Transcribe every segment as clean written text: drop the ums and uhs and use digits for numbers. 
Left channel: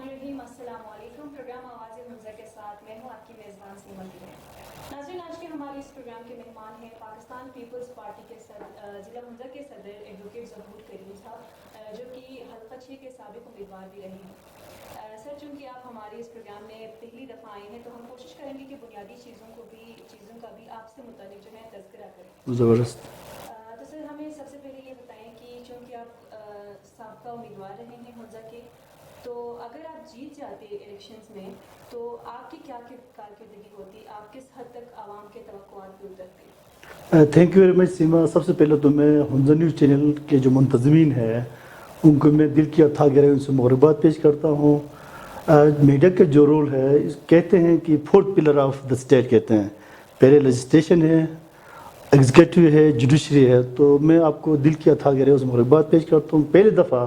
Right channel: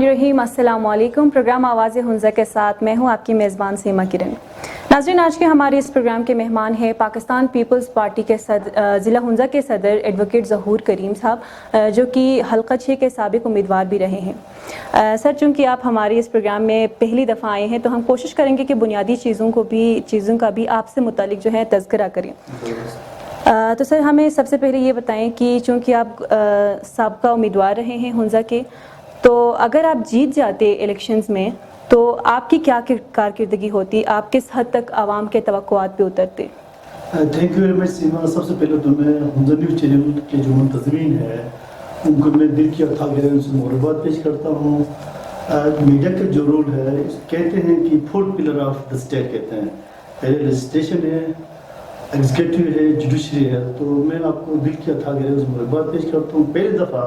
बिस्मिल्लाहिर्रहमानिर्रहीम। अस्सलाम वालेकुम। प्रोग्राम आवाज़ हुंज़ा के साथ मैं हूं आपकी मेज़बान सीमा किरण। नाज़रीन, आज के हमारे इस प्रोग्राम के मेहमान हैं पाकिस्तान पीपल्स पार्टी के ज़िला हुंज़ा के सदर एडवोकेट ज़हूर करीम साहब, जो कि हल्का 6 के साबिक़ उम्मीदवार भी रहे हैं। सर, चूँकि आप हमारे इस प्रोग्राम में पहली दफ़ा आए हैं तो हम कोशिश करेंगे कि बुनियादी चीज़ों का भी आपसे मुतालिक जो है तज़किरा करें। तो सर, हमें सबसे पहले ये बताएं कि चूँकि आप साबिक़ा उम्मीदवार रहे हैं हुंज़ा के, तो अगर आप जीत जाते इलेक्शंस में तो आपकी क्या कारकर्दगी होती, आप किस हद तक आवाम के तवक्कुआत पे उतरते? थैंक यू वेरी मच सीमा। सबसे पहले तो मैं हुंज़ा न्यूज़ चैनल के जो मुंतज़मीन है उनको मैं दिल की अथाह गहराइयों से मुबारकबाद पेश करता हूँ। मीडिया का जो रोल है, कहते हैं कि fourth pillar of the state कहते हैं, पहले लेजिस्लेशन है, एग्जीक्यूटिव है, जुडिशरी है। तो मैं आपको दिल की अथाह गहराइयों से मुबारकबाद पेश करता हूँ। पहली दफ़ा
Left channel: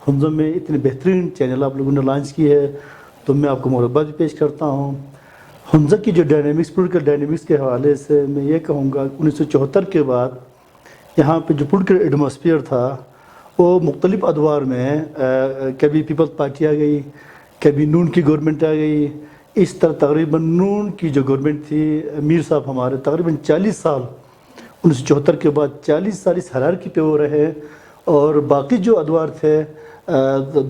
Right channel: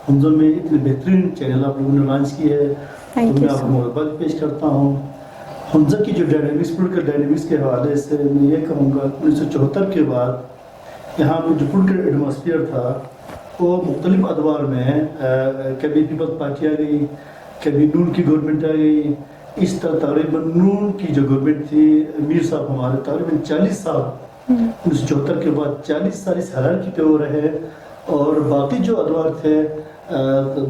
हुंज़ा में इतनी बेहतरीन चैनल आप लोगों ने लॉन्च की है, तो मैं आपको मुबारकबाद पेश करता हूँ। हुंज़ा की जो पोलिटिकल डायनेमिक्स के हवाले से मैं ये कहूँगा, 1974 के बाद यहाँ पे जो पोलिटिकल एटमॉस्फेयर था वो मुख्तलिफ अदवार में, कभी पीपल्स पार्टी आ गई, कभी नून की गवर्नमेंट आ गई। इस तरह तकरीबन नून की जो गवर्नमेंट थी, मीर साहब हमारे तकरीबन 40 साल 1974 के बाद 40 साल इस हरारकी पे वो रहे। और बाकी जो अदवार थे,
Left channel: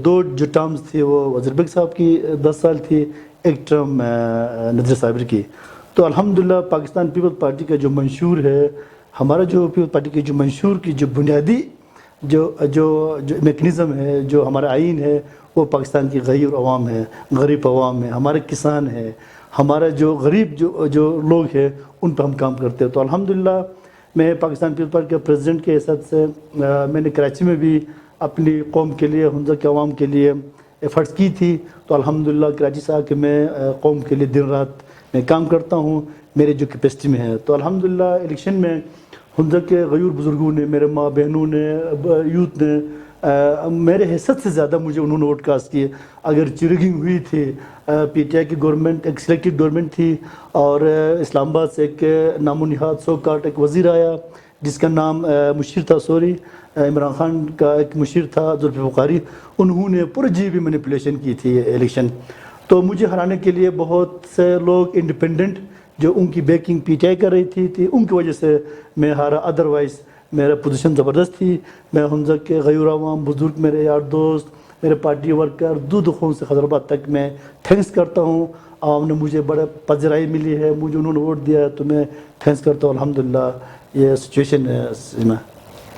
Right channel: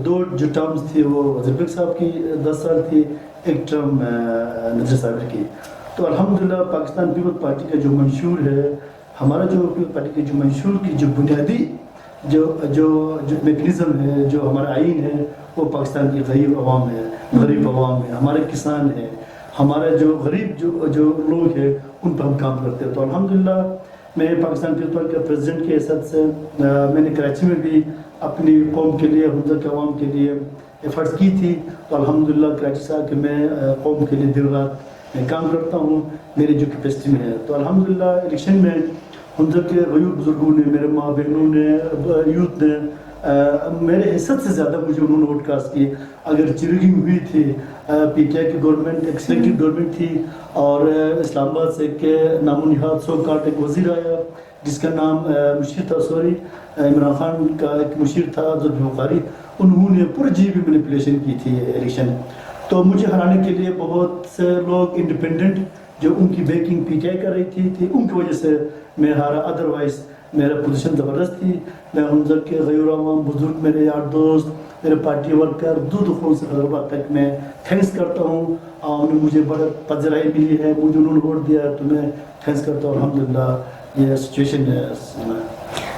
दो जो टर्म्स थी वो वज़ीर बेग साहब की 10 साल थी, एक टर्म नज़र साबिर की। तो अल्हम्दुलिल्लाह पाकिस्तान पीपल्स पार्टी का जो मंशूर है, हमारा जो पीपल्स पार्टी की जो मंशूर की जो बुनियादी जो जो जो मेकनिज़म है, जो हमारा आइन है, वो पाकिस्तान की गरीब अवाम है, गरीब अवाम है, हमारे किसान हैं, हमारा जो गरीब जो लोग हैं, उन पर हम काम करते हैं। तो अल्हम्दुलिल्लाह मैं पाकिस्तान पीपल्स पार्टी के प्रेसिडेंट के हिसाब से मैंने कराची में भी अपनी कौम के लिए, हुंज़ा के अवाम के लिए एफर्ट्स की थी। तो अल्हम्दुलिल्लाह कराची से आके मैं कौम के लिए दिन रात मैं काम करता हूँ, मेरी जो कैपेसिटी में है। तो अल्हम्दुलिल्लाह इलेक्शन में हुंज़ा के गरीब बुजुर्गों ने, मेरे माँ बहनों ने, यूथ ने मेरे हिस्सत से ज़्यादा मुझे उन्होंने वोट कास्ट किए। अगर चिरगिंग हुई थी, पीटीआई की गवर्नमेंट एक सिलेक्टिव गवर्नमेंट थी, और इस्लामाबाद से एक नामो निहाद सोकाट एक वज़ीर आया जिसका नाम मुशीर था, इमरान खान का एक मुशीर था जुल्फ़िकार बुखारी, उन्होंने पूरी जीबी मैनिपुलेशन की थी इलेक्शन। तो मुझे हराने के लिए बहुत से लोग इंडिपेंडेंट जो उनकी बैकिंग पीटीआई कर रही थी उनकी वजह से मैं हारा। अदरवाइज़ मेरा पोजीशन ज़बरदस्त थी। मैं हुंज़ा के गरीब अवाम, बुजुर्ग, मेरे यार दोस्त, मेरे पार्टी वर्कर, दूध खून से हैदराबाद तक मैं थैंक्स करता हूँ। आवाम ने मुझे बड़ा पजराई मिली है, मुझे उन्होंने वोट दिया है, तो मैं थैंक्स करता हूँ। अल्हम्दुलिल्लाह ये सिचुएशन है।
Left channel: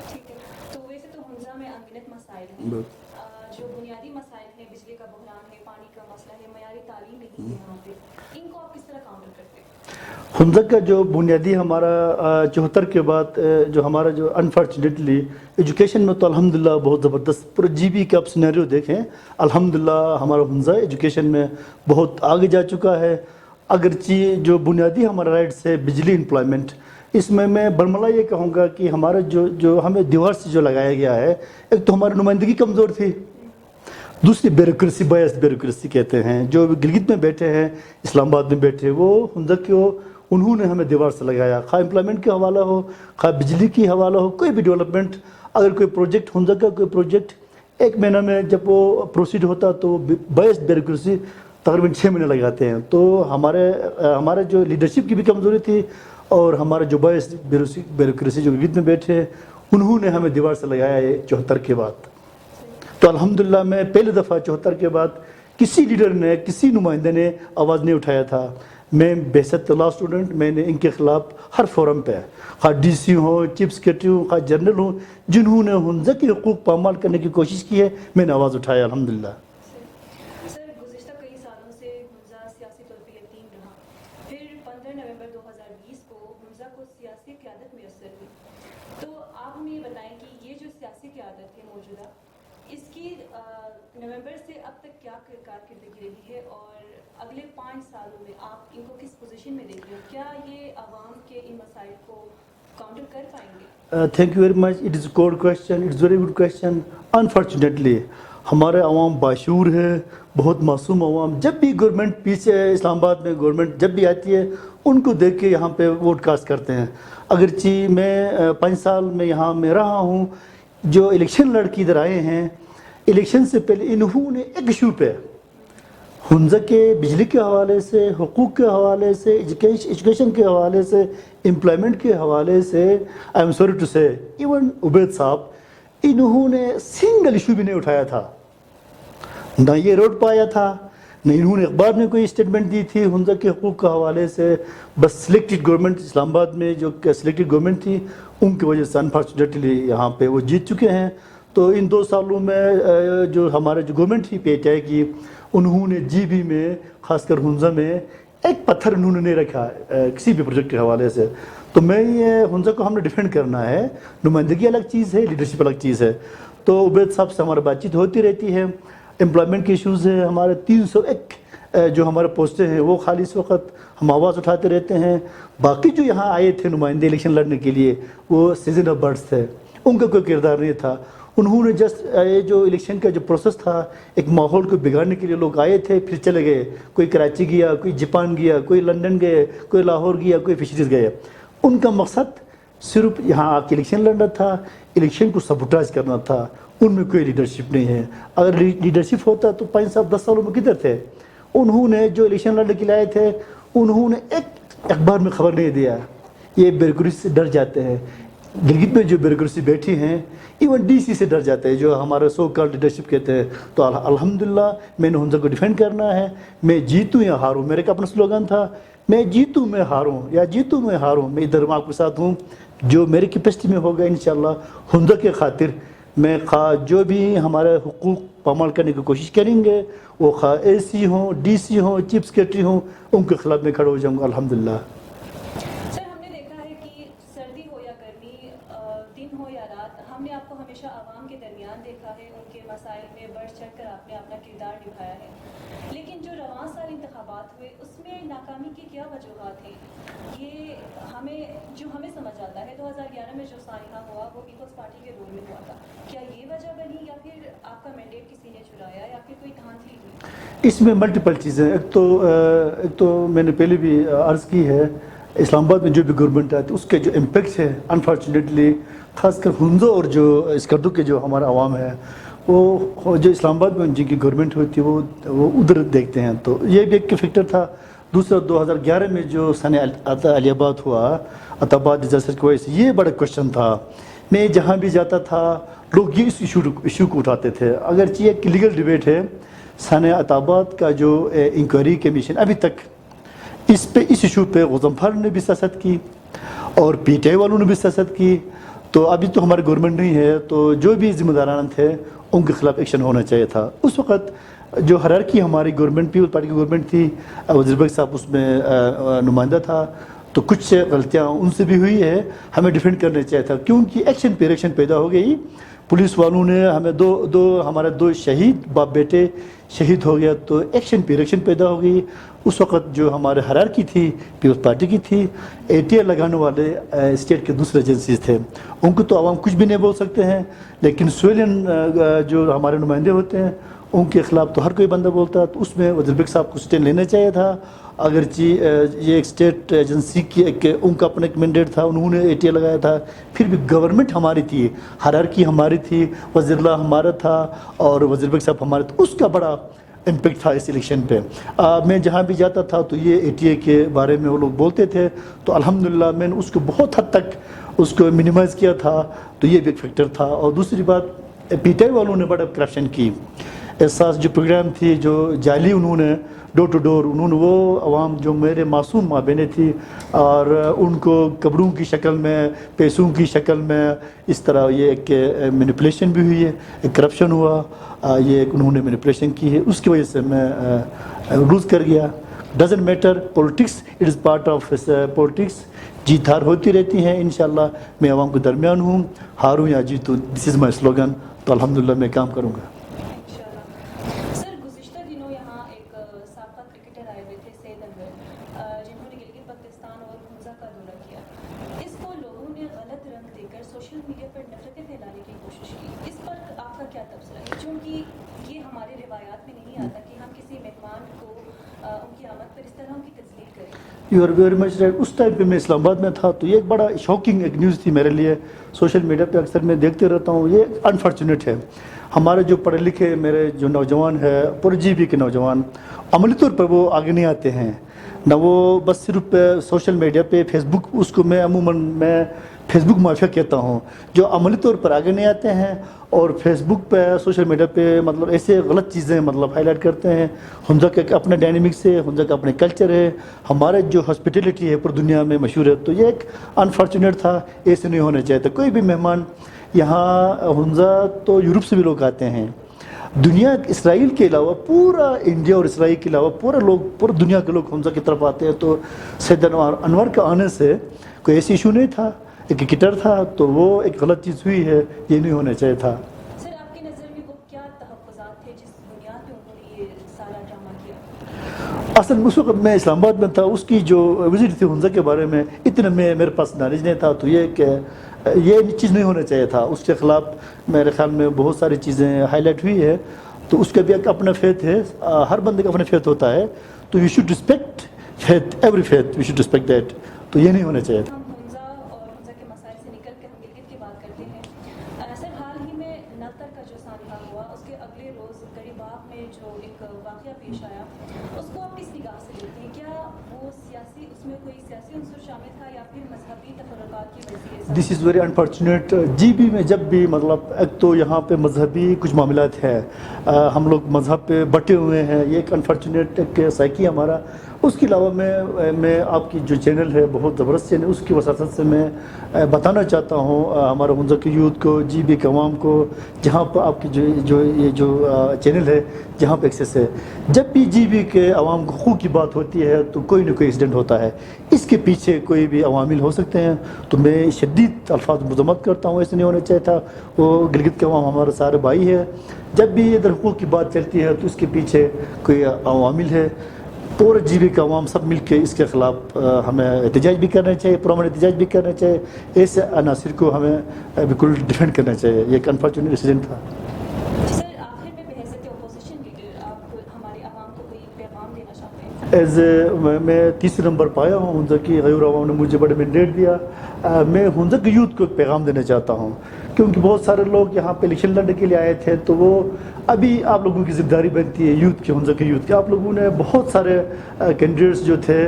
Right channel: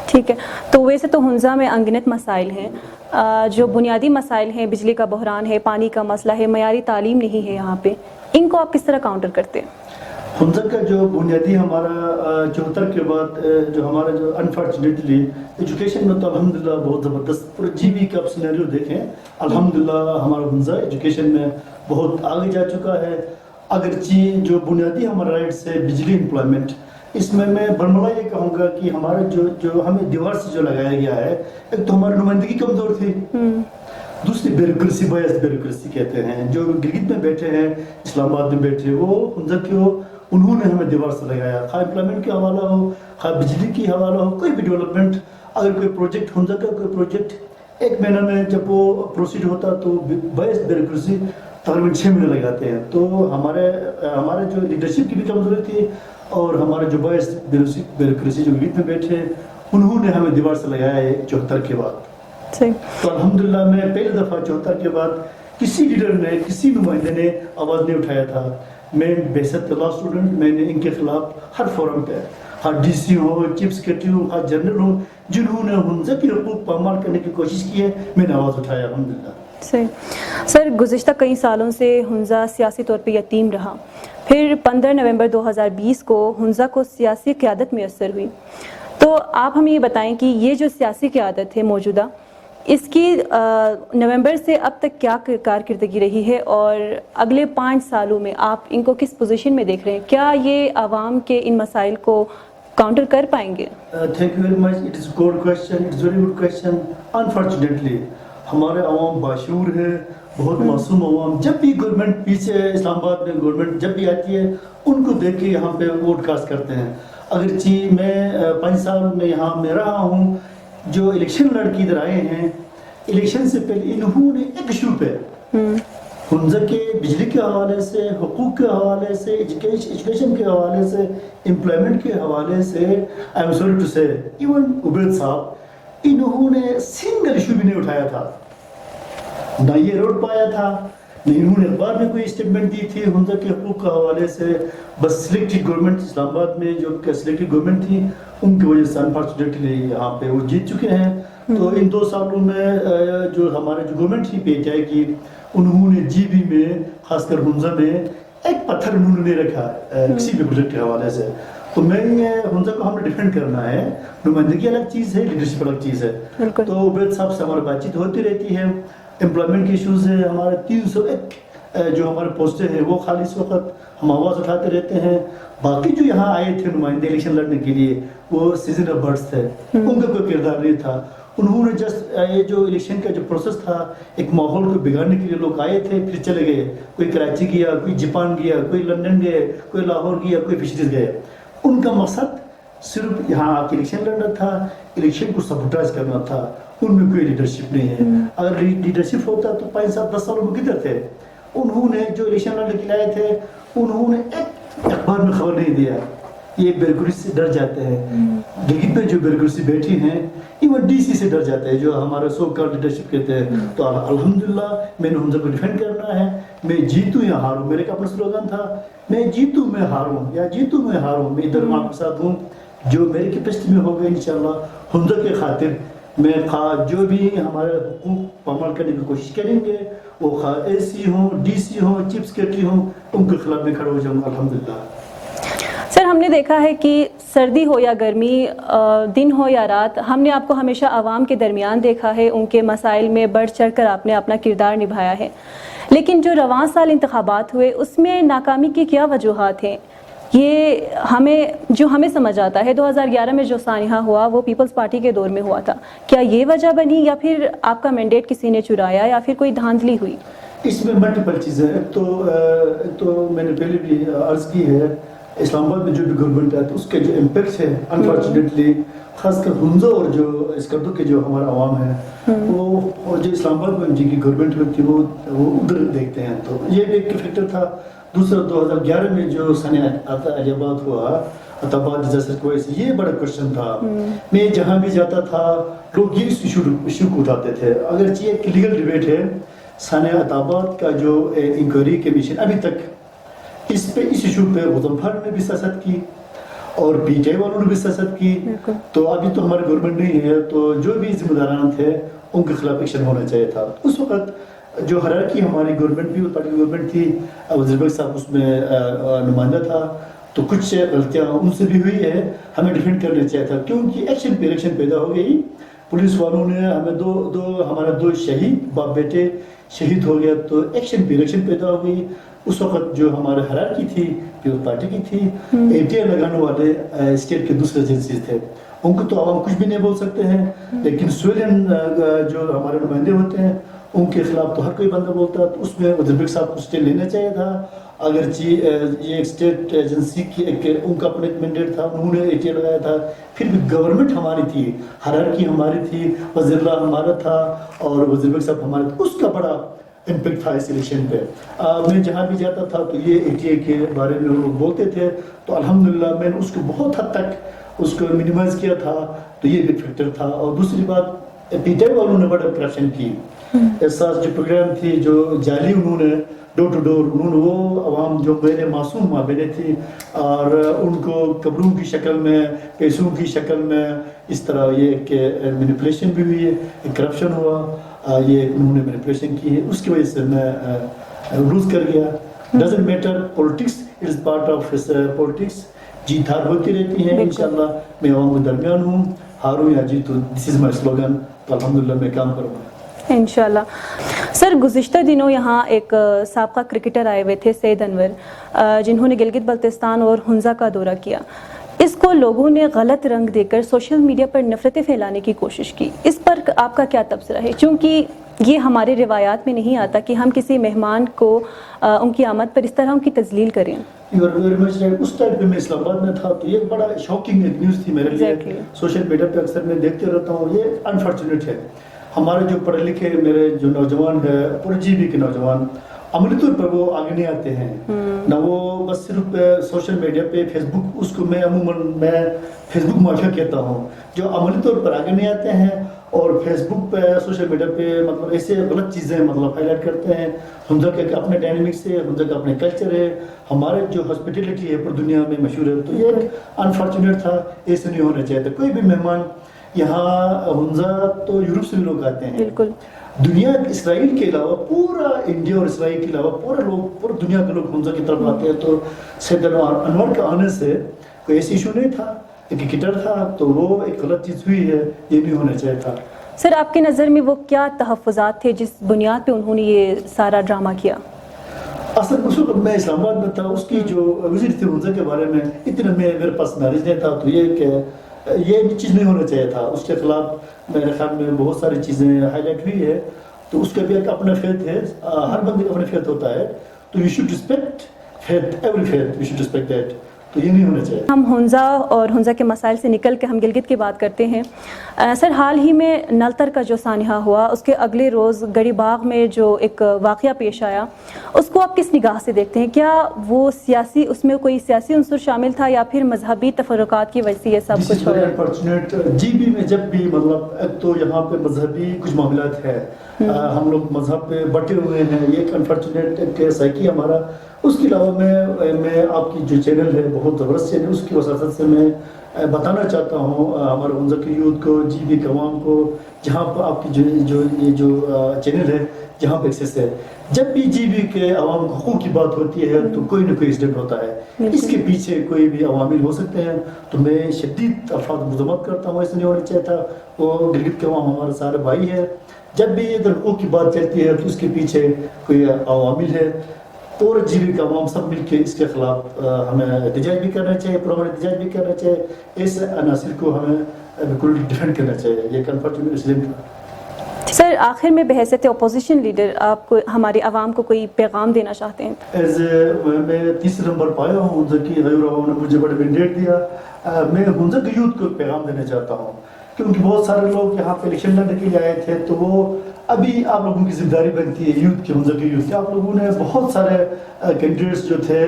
ठीक है, तो वैसे तो हुंज़ा में अनगिनत मसाइल हैं, जो बुनियादी मसाइल हैं, बिजली का बहरान है, पानी का मसला है, मयारी तालीम नहीं है यहाँ पे, इनको आप किस तरह काउंटर करते हैं? हुंज़ा का जो बुनियादी हमारा 74 के बाद जो हमारा जो अनफॉर्चुनेटली एजुकेशन में तो अल्हम्दुलिल्लाह बहुत ज़बरदस्त पूरा जीबी का आप सिनेरियो देखें, अल्हम्दुलिल्लाह हमारा हुंज़ा एजुकेशन में बहुत आगे जा चुका है। अगरचे जो बुनियादी हमारा राइट्स है, बिजली, एम्प्लॉयमेंट, इसमें मैं बरमला ये कहूँगा कि हमारा जो हमें दीवार से जो लगाया गया है, एक तो हमारी नुमाइंदगी कमज़ोर थी, दूसरी ब्यूरोक्रेसी, बायस ब्यूरोक्रेसी कहते हैं, जो गिलगित में बैठे हैं, इस्लामाबाद में बैठे, वो हुंज़ा के उन्होंने हमें दीवार से लगाया। खा एम्प्लॉयमेंट का हवाला हो, खा बिजली की हवाला हो, कोई भी डेवलपमेंट, अगर कोई प्रोजेक्ट हुंज़ा का कोई प्रोजेक्ट 1 महीना में जब वो प्रोसीड होता तो बायस ब्यूरोक्रेसी तकरीबन 6 महीने लगाते हैं। तो हमारे जो लीडरशिप की भी कमज़ोरी थी, और हमारे जो बायस ब्यूरोक्रेसी जो गिलगित में बैठे, उन्होंने हमें दीवार से लगाया है 74 के बाद। तो अल्हम्दुलिल्लाह मैं पहली दफ़ा 74 के बाद किसी लीडर ने, किसी नुमाइंदे ने आवाज़ नहीं उठाया था। मैं बेहद लॉ स्टूडेंट, मैंने इनके खिलाफ हर फोरम पे, हर डीसी हो, चीफ सेक्रेटरी हो, हर जनरल हो, जिन्होंने हुंज़ा की हुकूक पामाल करने की कोशिश की है, मैंने आवाज़ उठाया अल्हम्दुलिल्लाह। सही। सर, गुज़िश्ता कई सालों से हुंज़ा सियासी तौर पे यतीम रहा, फिर 15 नवंबर 2020 को हुंज़ा को सियासी क़यादत मैसर हुई। तो आप हमें ये बताएं कि ये जो सियासी क़यादत है मौजूदा, इसकी नवंबर से अब तक क्या कारकर्दगी रही है, और अगले 5 सालों में आप इनको किस पोजीशन में देख रहे हैं? क्या ये आवाम के इन मसाइल को काउंटर कर पाएंगे? Thank you very much, it is good question, it's very good question. Unfortunately हमारे अवाम बाशूर है, बहुत मासूम अवाम। जब भी गवर्नमेंट पीछे, इस्लामाबाद में गवर्नमेंट जब भी आती है, उनको देख के यहाँ पे वोट कास्ट करते हैं। अगरचे मैं 5 साल में यहाँ में रहा हूँ, जो इलेक्शन लड़के इधर आए हैं, इलेक्शन से पहले इन्होंने एक इशू पे हंजा के बिजली के हवाले से, हुकूक के हवाले से, एजुकेशन के हवाले से, एम्प्लॉयमेंट के हवाले से, आई एम सॉरी टू से, इवन उबैद साहब, इन्होंने सिंगल इशू भी नहीं उठाया था, ना ये रोड पाया था, नहीं इन्होंने अखबार में कोई स्टेटमेंट दी थी हंजा के हुकूक के हवाले से। बस सिलेक्टेड गवर्नमेंट, इस्लामाबाद में जो सिलेक्टेड गवर्नमेंट थी उनकी वजह से अनफॉर्चुनेटली यहाँ पे वो जीत चुके हैं। तो इन 2 सालों में जो हमारे जो गवर्नमेंट थी पीटीआई की, उन्होंने जीबी में खासकर हुंजा में एक पत्थर उन्होंने नहीं रखा किसी भी प्रोजेक्ट के हवाले से। तो मैं ये हुंजा को हमें डिफेंड करना है, नुमाइंदगी अलग चीज़ है, लीडरशिप अलग चीज़ है। तो उबैद साहब से हमारी बातचीत होती रहती है। एम्प्लॉयमेंट के इशूज़ है, हमारे 301 जो हमारे पोस्टें हैं वो खाली इस वक्त हम आवाज़ उठाते रहते हैं। बाकी जो यहाँ आए थे नुमाइंदे इलेक्शन लड़ने के लिए वो सीजन ऑफ बर्ड्स थे, उनका कोई किरदार नहीं था। उन्होंने जस्ट ये जो इलेक्शन का जो प्रोसेस था, एक माहौल को बिगाड़ने के लिए लोग आए थे, फिर चले गए। कोई कराची गया, कोई जापान गया, कोई लंदन गए, कोई लाहौर गया, कोई फिशरीज गए। उनका मकसद सिर्फ यहाँ आके इलेक्शन लड़ना था, इलेक्शन को सबोटाइज करना था। उनमें कोई लीडरशिप नहीं है। अगर लीडरशिप होता तो 5 साल 10 सालों में किधर थे? उन्होंने जो इलेक्शन लड़ने के लिए आए थे, उन्होंने एक अखबार में खबर नहीं दिया। ये ब्यूरोक्रेसी से डर जाते हैं। गिलगित में जो ब्यूरोक्रेसी बैठी हैं, इवन डीसी से डर जाते हैं, जो हमारा सो कॉल्ड लीडरशिप कहते हैं। तो अल्हम्दुलिल्लाह मैंने हुंजा को डिफेंड करना है। मैं जीतूं या हारूं, मेरे का अपना स्लोगन था, मैं जीतूं मैं हारूं या जीतूं मैं हारूं, मैं इधर वहाँ के साथ हूँ। जो मेरी कैपेसिटी में होगा इंशाल्लाह हुंजा के खातिर मैं जो भी हमारे हुकूक पामाल करने की कोशिश करेंगे, वो AC हों, DC हों, चीफ सेक्रेटरी हों, उनके खिलाफ में खड़ा हो जाऊँगा अल्हम्दुलिल्लाह। सर, हमने देखा है कि सर्दी हो या गर्मी, दिन हो या रात, हमने आपको हमेशा आवाम के दरमियान देखा है। उनके मसाइल में बढ़ चढ़ कर आपने अपना किरदार निभाया है। लेकिन जो रवां साल इंतखाबात हुए उसमें नाकामी की क्या वजूहात हैं? ये हमें समझ आता है 2011 में जो सानिहा हुआ वो पीपल्स पार्टी के दौर में हुआ था। क्या ये वजह बनी या फिर आपका मैंडेट किसी ने चुराया या फिर कोई धांधली हुई? इसमें मल्टीपल चीज़ें हैं। तो मैंने पहले भी अर्ज़ की है, इस्लामाबाद में जो भी गवर्नमेंट है तो उसके जो इम्पेक्ट है अनफॉर्चुनेटली खासकर हुंजा और जो स्कर्दू के जो हमारा अवाम है वो जो इस्लामाबाद में जिनकी गवर्नमेंट होती है वो उधर देखते हैं। तो ये भी एक फैक्टर था। दूसरा 2011 में जो सन अलियाबाद हुआ, अताबाद डिजास्टर की वजह से, ये बड़ा क्वेश्चन था। मैं जहाँ भी जाता था लोग ये इशू को उठाते थे। अगर ये एक लीगल डिबेट है, सन अताबाद का जो इंक्वायरी कमीशन अभी तक इस इशू पे गज़नफर ने भी सियासत की और पीटीआई वालों ने भी सियासत की। तो अभी तो हमारी गवर्नमेंट नहीं है, तो जो भी जिम्मेदारान थे उनके खिलाफ एक्शन होना चाहिए था। उस वक्त जो हरारकी हमारी गवर्नमेंट पीपल पार्टी की गवर्नमेंट थी, वज़ीर भाई साहब उसमें नुमाइंदा था, तो कुछ गलतियाँ उनसे भी हुई है, हमें डिफेंड करना चाहिए था। क्योंकि एक्शन पे रिएक्शन पैदा हो गई। पुलिस वालों ने हमें हमारे दो शहीद बाप बेटे शहीद हो गया, तो एक्शन पे रिएक्शन पैदा हो गई। उस वक्त जो हमारे हरारकी थी पीपल्स पार्टी की थी, ATR लगाने वाले स्टेट के दूसरे एजेंसीज थे, उनको तो आवाम कुछ भी नहीं बोल सकते हैं, लेकिन सिविलियन जो हमारे नुमाइंदे होते हैं उनके खिलाफ तो हर कोई बंदा बोलता है। तो उसमें वज़ीर भाई साहब को स्टेप लेना चाहिए था। अगर ये एक स्टेट एजेंसी की उनका अपना एक मैंडेट था, उन्होंने ATR लगाया था, फिर भी गवर्नमेंट हमारी थी, हरारकी हमारी थी, वज़ीरुल्लाह हमारा था और वज़ीर भाई साहब हमारे, तो उसका बड़ा इम्पेक्ट था इस इलेक्शन पे। मैं जहाँ भी जाता था तो ये ATR के बारे में वो लोग बोलते थे, तो अल्हम्दुलिल्लाह मैंने उसको बहुत हद तक उसको मिनिमाइज़ किया था। तो ये भी एक फैक्टर था। और दूसरी बात, पीटीआई वालों ने बड़ा करप्शन की। एहसास जो प्रोग्राम थी, जो जाली उन्होंने डोर टू डोर, उन्होंने वो अवाम जो मेरे मासूम माँ बहनें थी और उनको कब्रों की शक्ल में, पैसों की शक्ल में, इस तरह ये एक मैनिपुलेशन भी हुई है, एक करप्शन हुआ, ये एक उन्होंने मैनिपुलेशन की है। उसकी वजह से मैं लूज कर गया। Doesn't matter, politics, it is part of politics. जीत हार होती रहती है। इंशाल्लाह मैं अवाम के दरमियान हूँ, हारूँ या जीतूँ, दिस इज़ माई स्लोगन। तो अल्हम्दुलिल्लाह मैं काम करूँगा इंशाल्लाह। सर, गुज़िश्ता दिनों यहाँ एक साबका क्रिकेटर आए हुए थे, सैयद अनवर, जिन्होंने गिलगित बल्तिस्तान और हुंजा का दौरा किया। इसको लोगों ने गलत रंग देकर सोशल मीडिया पर नफ़रतें फैलाने की कोशिश की। इस पर आपका क्या तबसरा है? क्योंकि ये हमारे रिवायात में नहीं आता कि हम किसी मेहमान को उनकी आमद पर इस तरह उनकी तजलील करें। You are very much right. उस टाइम पे मैं इस्लामाबाद में था, तो ये एक बड़ा शॉकिंग न्यूज़ थी मेरे लिए। सोशल मीडिया पे अक्सर मैं देखते रहता हूँ, ये अनफॉर्चुनेट है। ہمارے جو پڑھے لکھے میرے جو نوجوان ہیں پورے جی بی کے نوجوان عملی طور پر وہ آگے نہیں آتے ہیں نہ وہ بس صرف سوشل میڈیا پہ فیس بک اس کو میں عموماً میں فیس بک مافیا کہتا ہوں جو عملی طور پر آگے نہیں آتے ہیں اور فیس بک پہ سوشل میڈیا پہ مطلب ایسے غلط چیزیں مطلب ہائی لائٹ کرتے ہیں. حمزہ کے اپنے ڈائنامکس ہے, حمزہ کا اپنے کلچر ہے, ہمارا جو ہاسپٹیلٹی ہے پوری دنیا میں مشہور ہے. تو یہ ایک انفارچونیٹ تھا, ایسے نہیں ہونا چاہیے تھا. کوئی بھی مہمان یہاں حمزہ تو یورپ سے بھی لوگ آتے ہیں, دنیا اسرائیل کے علاوہ پورا انڈیا اور اسرائیل کے علاوہ پورا دنیا کے لوگ حمزہ کی طرف آتے ہیں. تو سید انور کا آنے سے کوئی ایسی ایشو نہیں تھا, ایک کرکٹر تھا, تو وہ ایک غلط چیز ہوئی ہے, یہ نہیں ہونا چاہیے تھا. سر آپ کی نظر میں وہ کیا تحفظات تھے جس بنیاد پہ انہوں نے یہ سارا ڈرامہ کیا؟ اصل اس وقت میں اسلام آباد میں تھا, اس کی جو وزٹ تھی حمزہ کے بارے میں اتنا میرے پاس نالج نہیں تھا. تو یہ کہ یہ چیز نہیں ہونا چاہیے تھا, اس کے خلاف میرے خیال میں بہت ساری چیزیں ہائی لائٹ ہوئی ہے. تو اس کا بھی ایک اپنا فیتھ ہے, ہر بندے کا اپنا فیتھ ہوتا ہے, تو you should respect faith, every faith you should respect that. تو یہ نہیں ہونا چاہیے. ہم حمزہ اور حمزہ کے مسائل سے نکل کے ہم گلگت کی بات کرتے ہیں. سر حال ہی میں نلتر کا جو سانحہ ہوا, اس کے اگلے روز گڑی باغ میں جو ایک واقعہ پیش آیا, اس کو آپ کس نگاہ سے دیکھتے ہیں؟ کیا وہ سیاسی, اس میں کوئی سیاسی عنصر شامل تھا یا پھر مذہبی تفرقات کی وجہ سے یہ سب کچھ؟ This is very unfortunate. G B میں جب بھی مطلب ایک تو یہاں پہ مذہبی کچھ معاملات ہے, ہم لوگ مذہب پہ بٹے ہوئے ہیں, یہ ایک انفارچونیٹ سائیکی ہمارا. اس کے علاوہ میں آپ کی جو چینل ہے بہت زبردست چینل, اس کی وساطت سے میں بتانا چاہتا ہوں ہمارے حمزہ کی یوتھ کو, جی بی کے عوام کو, جہاں پر آپ کی یہ جو چینل ہے جہاں پہ ایکسیس ہے, جب بھی جی بی کے عوام کو حقوق کی بات ہوتی ہے تو کوئی نہ کوئی انسیڈنٹ ہوتا ہے. اس کے پیچھے کوئی بھی عوامل ہو سکتے ہیں, تو میں شدید الفاظ مذمت کرتا ہوں, ایسا نہیں ہونا چاہیے تھا. وہ گلگت کے عوام ہمارے سارے بھائی ہے, جب بھی اگر حقوق کی بات چلتی ہے تو اس کے پیچھے کوئی عوامل ہے. پورے جی بی کا عوام سب مل کے اس کے خلاف ہمیں احتجاج بھی کرنا چاہیے, پرامن احتجاج بھی کرنا چاہیے. ایسے عناصر کو ہمیں بالکل ڈیفینڈ کرنا چاہیے. یہ ایک انفارچونیٹ ڈیسیجن تھا. سر آخر میں بحیثیت اپوزیشن لیڈر آپ کو ہمارے عوام کو کوئی پیغام دینا چاہتے ہیں؟ میں تیسرے نمبر پایا ہوں, حمزہ کی غیور عوام نے مجھے بڑے مینڈیٹ دیا. میں حمزہ کی یوتھ کو ایک پیغام دینا چاہتا ہوں, کیونکہ بہت سارے لوگ یہاں پہ الیکشن لڑنے کے لیے آئے تھے. تو وہ ابھی آپ لوگوں کی ذمہ داری بنتی ہے یوتھ کی, حمزہ کی یوتھ کی. آپ لوگوں نے بہت سارے کینڈیڈیٹس جو تھے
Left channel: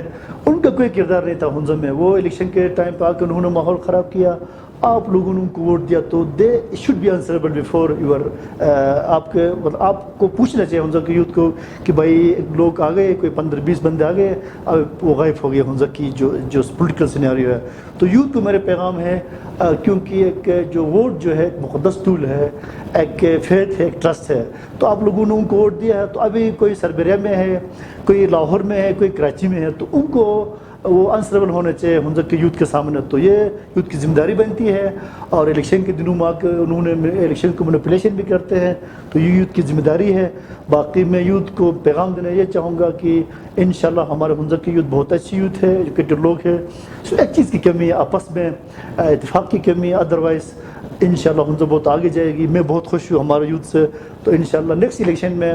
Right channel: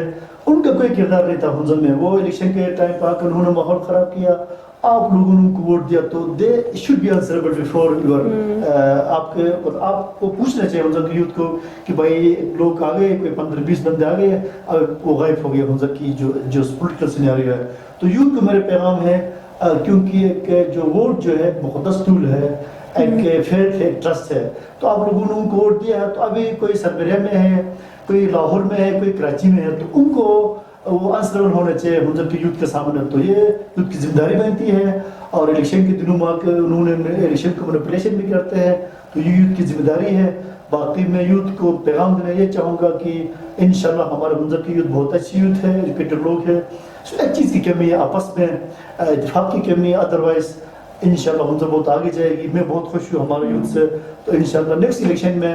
ان کا کوئی کردار نہیں تھا حمزہ میں. وہ الیکشن کے ٹائم پہ آ کر انہوں نے ماحول خراب کیا, آپ لوگوں نے ان کو ووٹ دیا. تو they should be answerable before your, آپ کو پوچھنا چاہیے حمزہ کی یوتھ کو کہ بھائی لوگ آ گئے, کوئی 15-20 بندے آ گئے, وہ غائب ہو گیا حمزہ کی جو پولیٹیکل سینیریو ہے. تو یوتھ کو میرے پیغام ہے, کیونکہ ایک جو ووٹ جو ہے مقدس ٹول ہے, ایک فیتھ ہے, ایک ٹرسٹ ہے. تو آپ لوگوں نے ان کو ووٹ دیا ہے. تو ابھی کوئی سربریہ میں ہے, کوئی لاہور میں ہے, کوئی کراچی میں ہے, تو ان کو وہ آنسریبل ہونا چاہیے حمزہ کی یوتھ کے سامنے. تو یہ یوتھ کی ذمہ داری بنتی ہے, اور الیکشن کے دنوں میں آ کر انہوں نے الیکشن کو مینیپولیشن بھی کرتے ہیں. تو یہ یوتھ کی ذمہ داری ہے. باقی میں یوتھ کو پیغام دینا یہ چاہوں گا کہ انشاءاللہ ہمارے حمزہ کی یوتھ بہت اچھی یوتھ ہے, ایجوکیٹڈ لوگ ہیں. ایک چیز کی کمی ہے, آپس میں اتفاق کی کمی ہے, ادروائز انشاءاللہ حمزہ بہت آگے جائے گی. میں بہت خوش ہوں ہمارے یوتھ سے. تو انشاءاللہ نیکسٹ الیکشن میں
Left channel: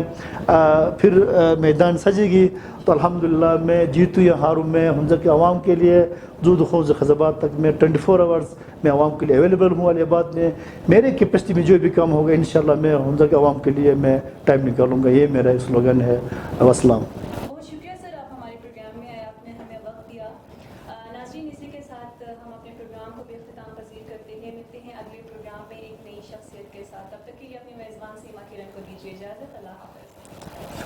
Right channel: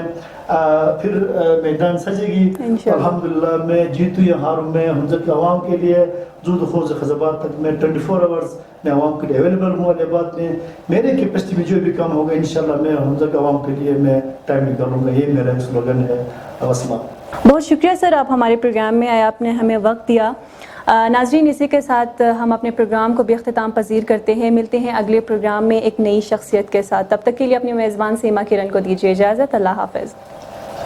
پھر میدان سجے گی. الحمدللہ میں جیتوں یا ہاروں, میں حمزہ کے عوام کے لیے زود خوف خزبات تک میں 24 آورس میں عوام کے لیے اویلیبل ہوں. اور یہ بات میں میرے کیپیسٹی میں جو بھی کام ہوگا انشاءاللہ میں حمزہ کے عوام کے لیے میں ٹائم نکالوں گا. یہ میرا سلوگن ہے. والسلام. بہت شکریہ سر, آپ ہمارے پروگرام میں آئے, آپ نے ہمیں وقت دیا. ناظرین, اسی کے ساتھ ہم اپنے پروگرام کو بھی اختتام پذیر کرتے ہیں. ملتے ہیں اگلے پروگرام میں ایک نئی شخصیت کے ساتھ. تب تک کے لیے اپنی میزبان سیما کرن کو دیجیے اجازت. اللہ حافظ.